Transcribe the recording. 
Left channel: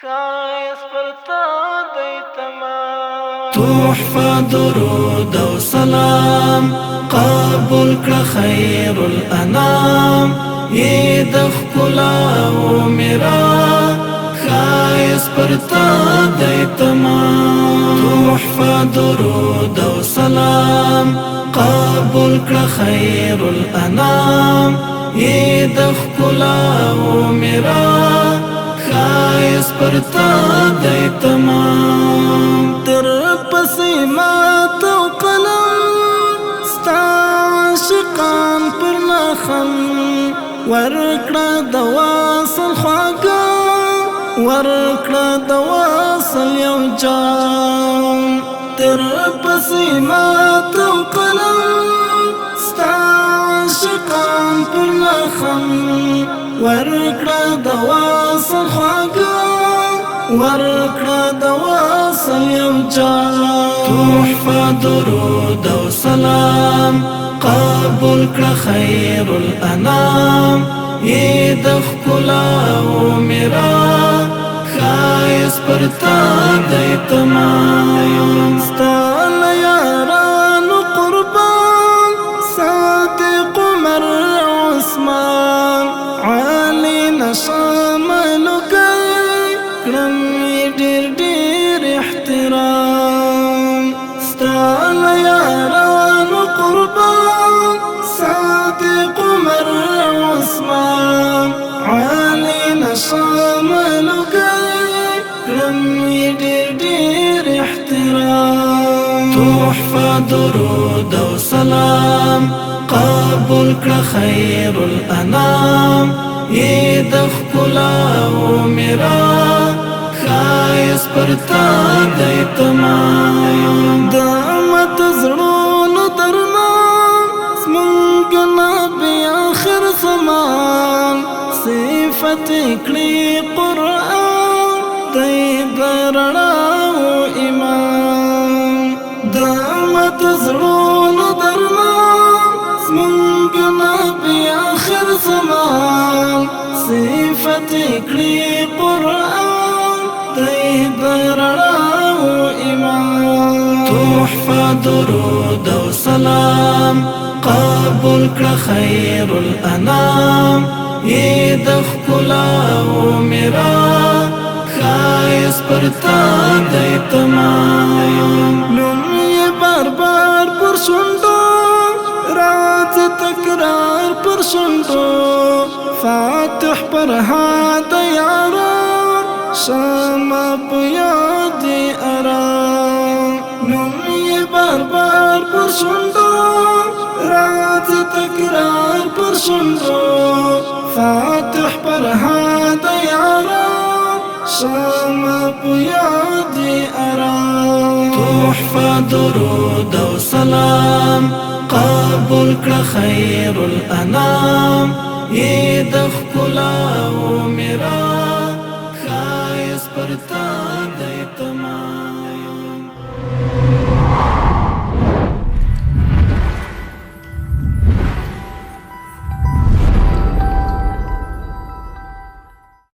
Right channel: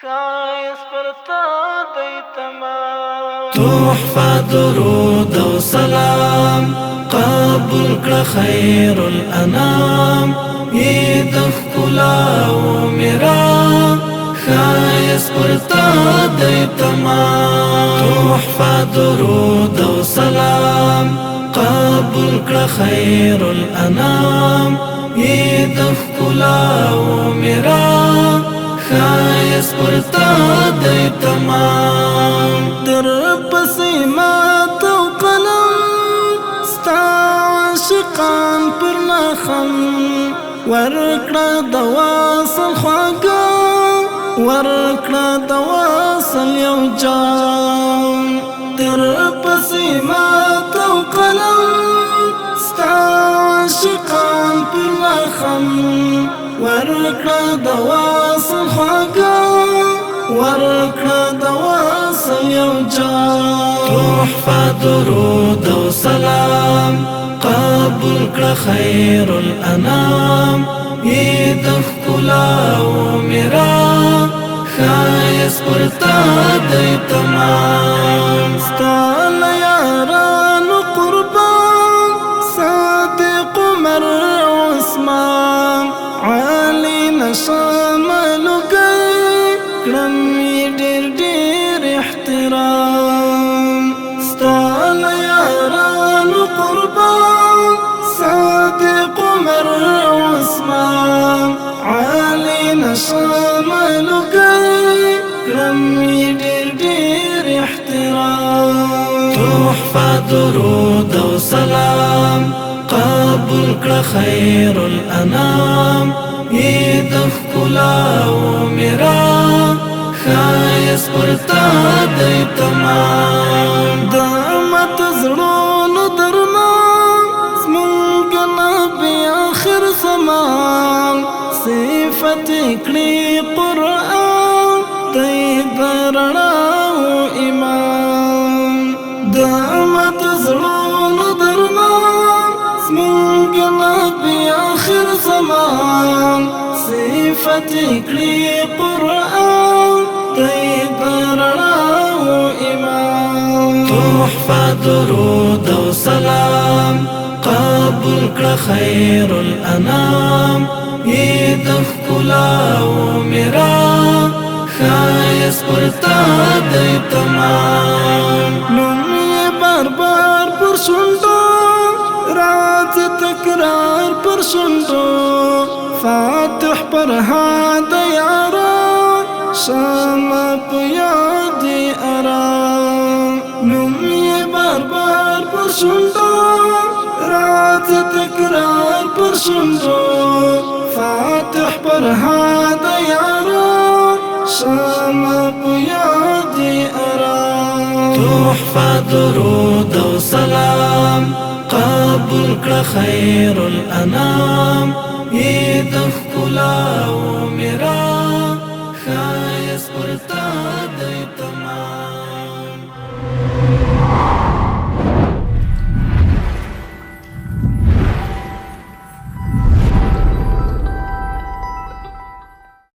خایس پر تا دی تمام تحفه درود و سلام قبول کړه خیر الانام عید ښکلا و میرا خایس پر تا دی تمام تحفه درود و سلام قبول کړه خیر الانام عید ښکلا و میرا خایس پر تا دی تمام در پسی مات و قلم ستا عاشقان پر نخم ورکړه د واصل خواږه ورکړه د واصل یو جام در پسی مات و قلم ستا عاشقان پر نخم ورکړه د واصل خواږه ورکړه د واصل یو جام تحفه درود و سلام قبول کړه خیر الانام عید ښکلا و میرا خایس پر تا دی تمام ستا له یارانو قربان صادق عمر عثمان علی نشاملو کوي کړم ډېر ډېر احترام ستا له یارانو قربان صادق عمر عثمان علی نشاملو کوي کړم ډېر ډېر احترام تحفه درود و سلام قبول کړه خیر الانام عید ښکلا و میرا خایس پر تا دی تمام د امت زړونو درمان زمونږ نبی آخر زمان صفت کړي قرآن دی د رڼا و ایمان د امت زړونو درمان زمونږ نبی آخر زمان صفت کړي قرآن دی د رڼا و ایمان تحفه درود و سلام قبول کړه خیر الانام عید ښکلا و میرا خایس پر تا دی تمام نوم یې بار بار پر شونډو راز تکرار پر شونډو فاتح پر هاد یاران شمع په یاد ارام نوم یې بار بار پر شونډو راز تکرار پر شونډو فاتح پر هاد یاران شمع په یاد ارام تحفه درود و سلام قبول کړه خیر الانام عید ښکلا و میرا خایس پر تا دی تمام